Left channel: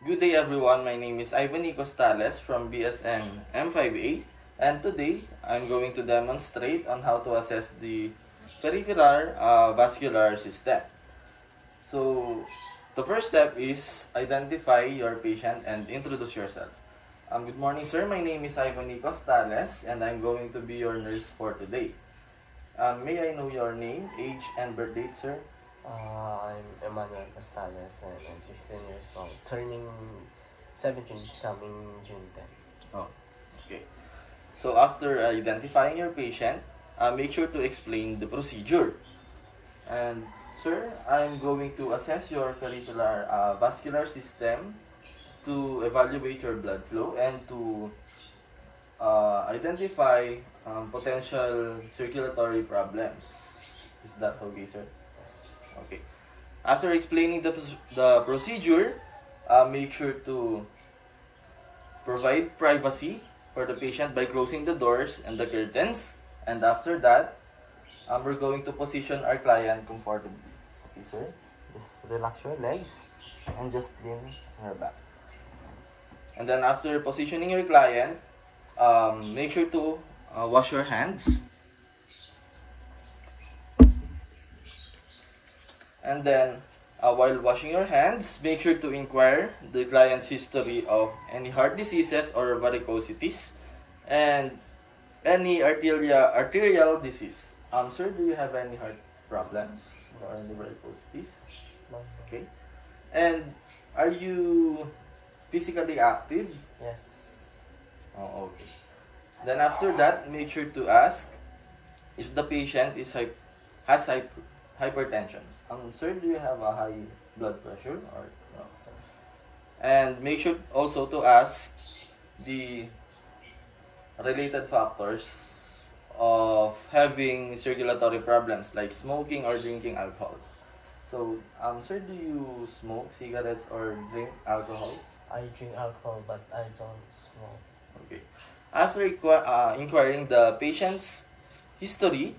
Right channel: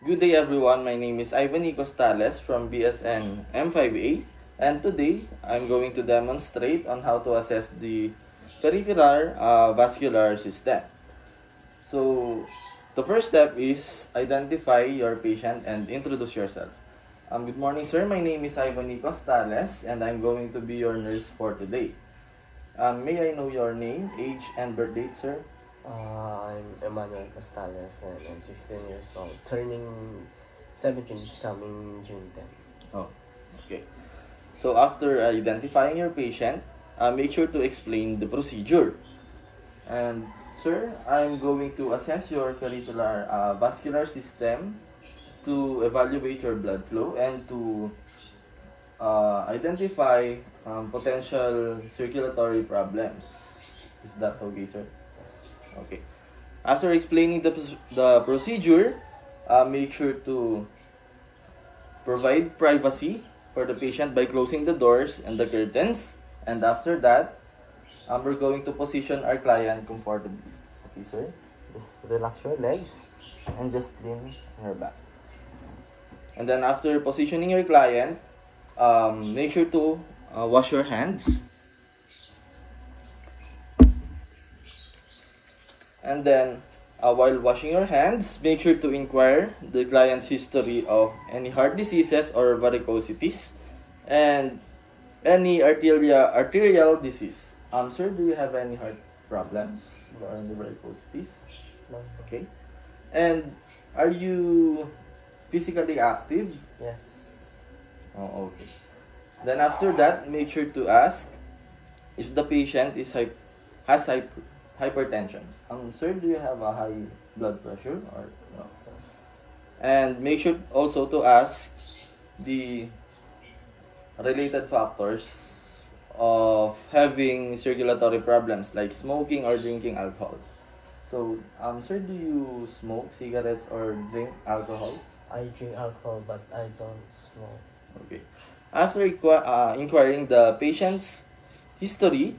Good day everyone, my name is Ivany Costales from BSN M5A, and today I'm going to demonstrate on how to assess the peripheral vascular system. So the first step is identify your patient and introduce yourself. Good morning sir, my name is Ivany Costales and I'm going to be your nurse for today. May I know your name, age, and birth date, sir? I'm Emmanuel Costales and I'm 16 years old. Turning 17 is coming June 10. Oh, okay. So after identifying your patient, make sure to explain the procedure. And sir, I'm going to assess your peripheral vascular system to evaluate your blood flow and to identify potential circulatory problems. Is that okay, sir? Yes. Okay. After explaining the procedure, make sure to provide privacy for the patient by closing the doors and the curtains. And after that, we're going to position our client comfortably. Okay, sir? Just relax your legs and just lean on your back. And then after positioning your client, make sure to wash your hands. And then, while washing your hands, make sure to inquire the client's history of any heart diseases or varicosities and any arterial disease. Sir, do you have any heart problems or any varicosities? No. Okay. And are you physically active? Yes. Oh, okay. Then after that, make sure to ask if the patient has hypertension. Sir, do you have a high blood pressure or no? So, And make sure also to ask the related factors of having circulatory problems like smoking or drinking alcohols. So, sir, do you smoke cigarettes or drink alcohol? I drink alcohol but I don't smoke. Okay. After inquiring the patient's history,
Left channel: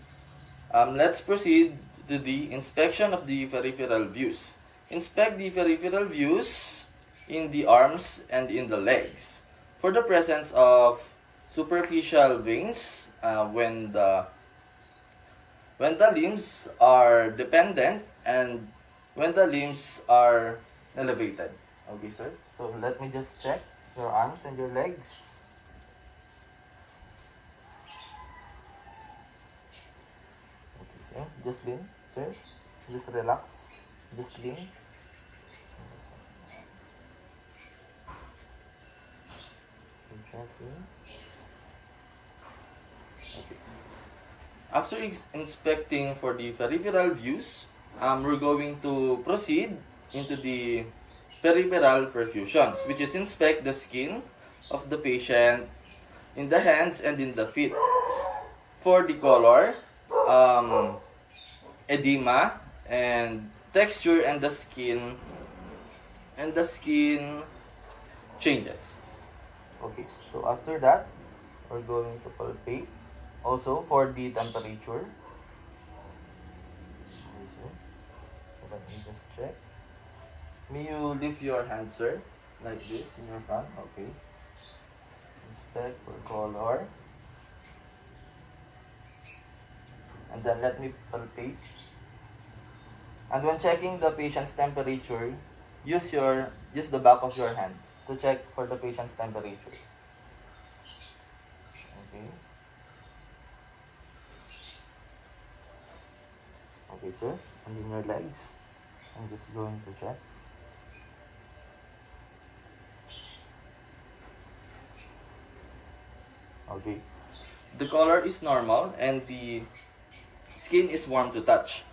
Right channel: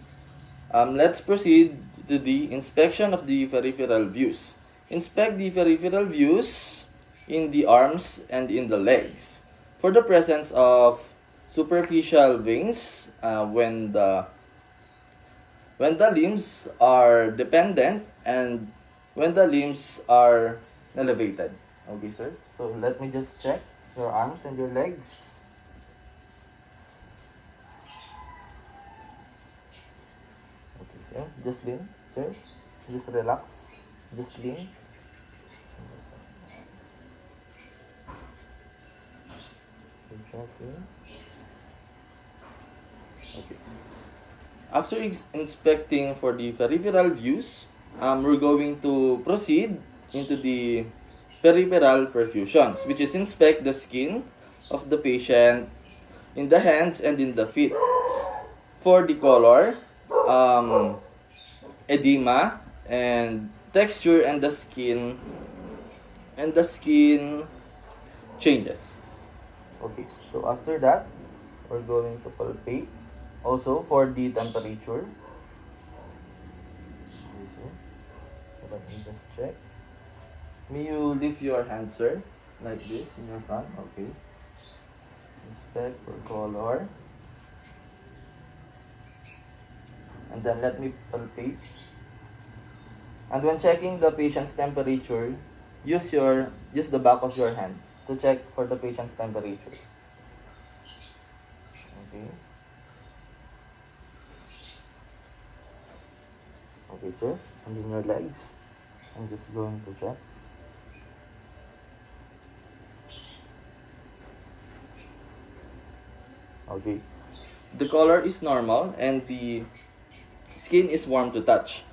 let's proceed to the inspection of the peripheral views. Inspect the peripheral views in the arms and in the legs for the presence of superficial veins when the limbs are dependent and when the limbs are elevated. Okay, sir. So let me just check your arms and your legs. Okay, sir. Just lean, sir. Just relax. Just lean. Okay. After inspecting for the peripheral views, we're going to proceed into the peripheral perfusions, which is inspect the skin of the patient in the hands and in the feet. For the color, edema and texture and the skin changes. Okay, so after that, we're going to palpate also for the temperature. So let me just check. May you lift your hand, sir, like this in your front. Okay. Inspect for color. And then let me palpate. And when checking the patient's temperature, use the back of your hand to check for the patient's temperature. Okay. Okay, sir. And in your legs, I'm just going to check. Okay. The color is normal and the skin is warm to touch.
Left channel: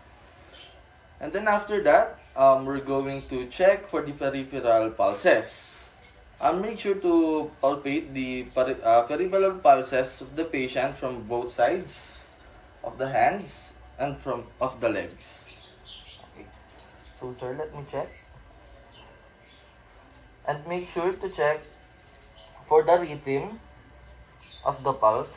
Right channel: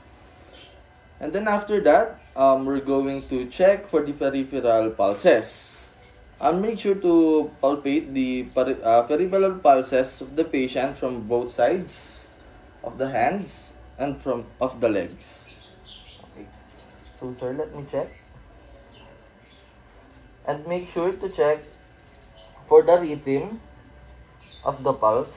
And then after that, we're going to check for the peripheral pulses. Make sure to palpate the peripheral pulses of the patient from both sides of the hands and of the legs. Okay. So sir, let me check. And make sure to check for the rhythm of the pulse.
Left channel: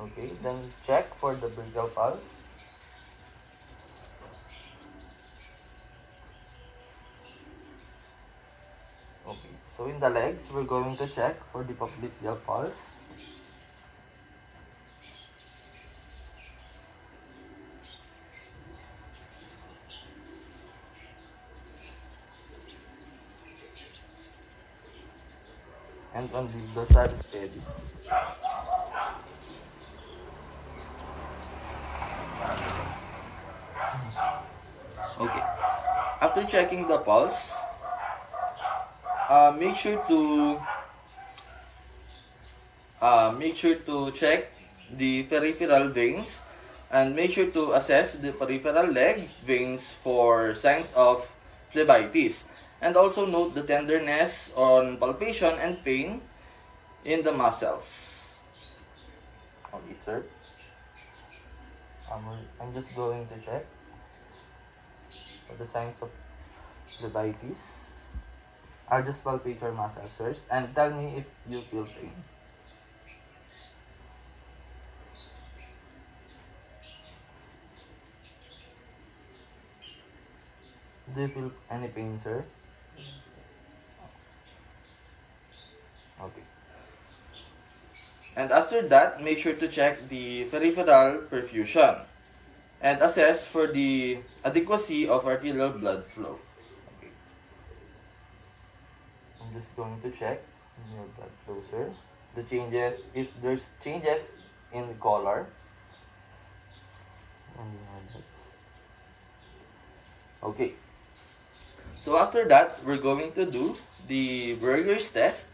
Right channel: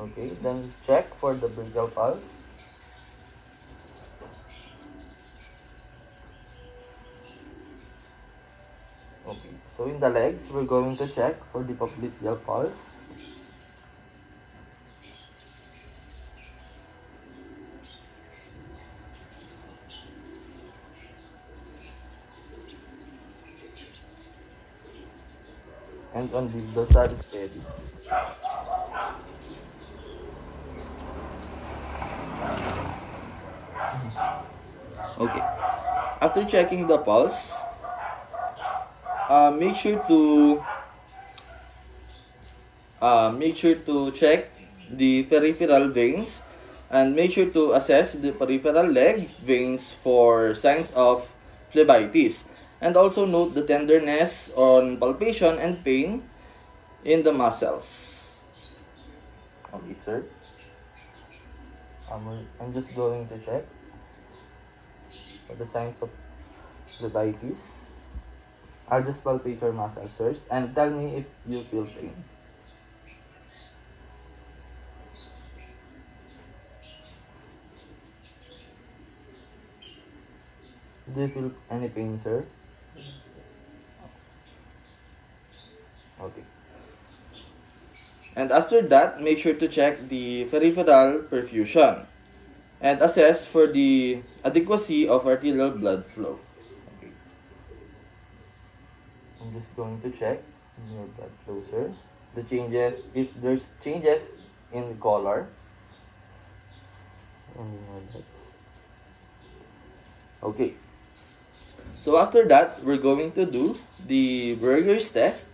Okay, then check for the brachial pulse. So in the legs, we're going to check for the popliteal pulse. And on the dorsalis pedis. Okay. After checking the pulse, make sure to check the peripheral veins and make sure to assess the peripheral leg veins for signs of phlebitis. And also note the tenderness on palpation and pain in the muscles. Okay, sir. I'm just going to check for the signs of phlebitis. I'll just palpate your muscles first and tell me if you feel pain. Do you feel any pain, sir? Okay. And after that, make sure to check the peripheral perfusion and assess for the adequacy of arterial blood flow. Okay. I'm just going to check your blood flow, sir. The changes, if there's changes in color. Okay. So after that, we're going to do the Berger's test,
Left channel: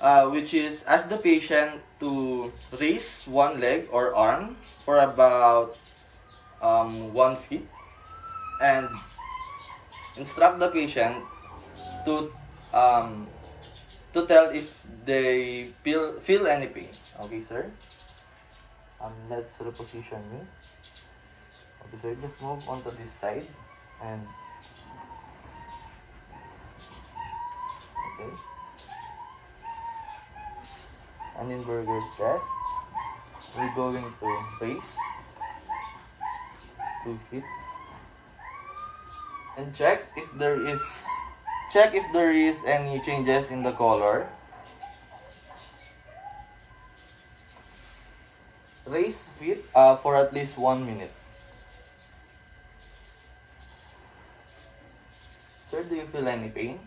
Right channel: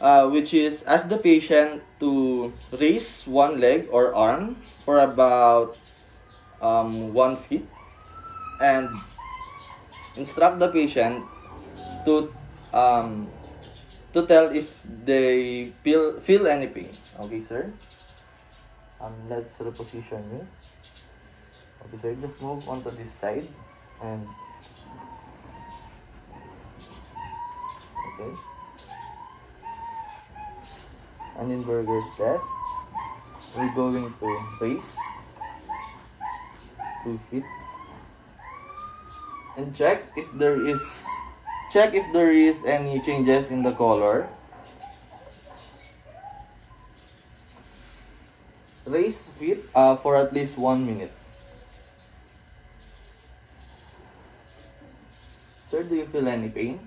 which is ask the patient to raise one leg or arm for about 1 feet and instruct the patient to tell if they feel any pain. Okay, sir. Let's reposition you. Okay, sir. Just move onto this side and okay. And in Berger's test, we're going to raise 2 feet and check if there is any changes in the color. Raise feet for at least 1 minute. Sir, do you feel any pain?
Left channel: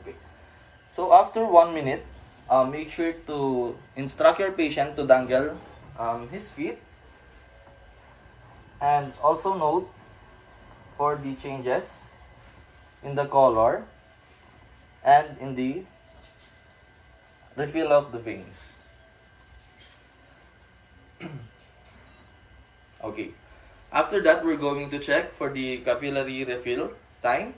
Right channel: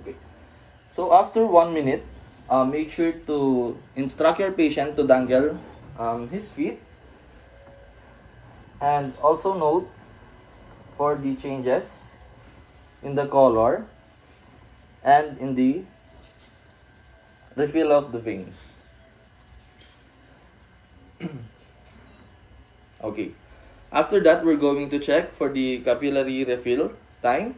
Okay. So after 1 minute, make sure to instruct your patient to dangle his feet, and also note for the changes in the color and in the refill of the veins. Okay. After that, we're going to check for the capillary refill time.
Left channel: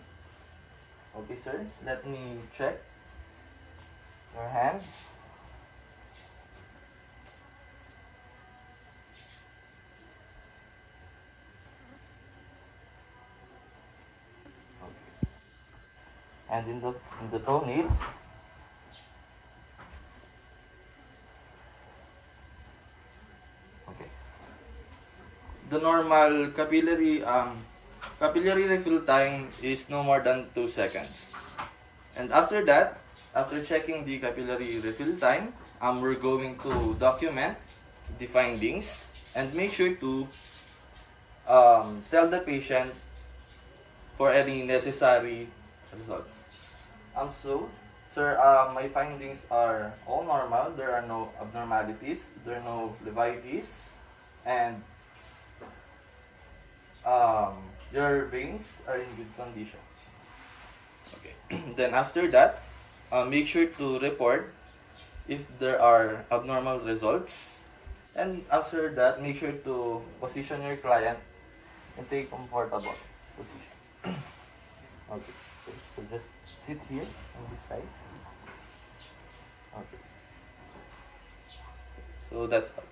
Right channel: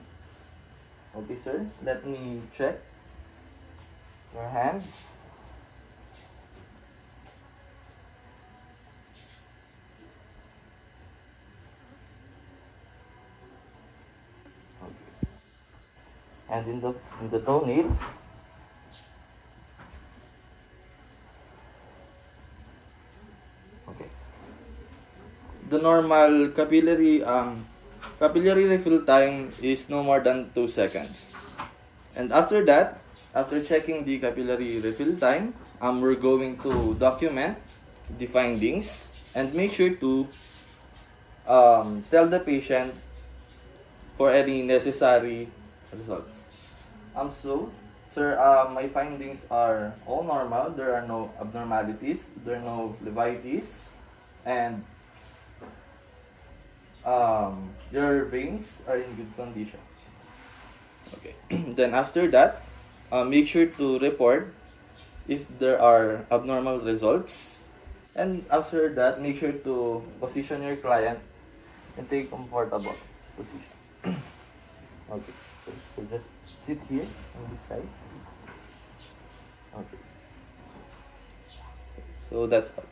Okay, sir. Let me check your hands. Okay. And in the toenails. Okay. The normal capillary refill time is no more than 2 seconds. And after that, after checking the capillary refill time, we're going to document the findings and make sure to tell the patient for any necessary results. So, sir, my findings are all normal. There are no abnormalities. There are no phlebitis, and your veins are in good condition. Okay. Then after that, make sure to report if there are abnormal results, and after that, make sure to position your client and take comfortable position. Okay. So just sit here on this side. Okay. So that's all.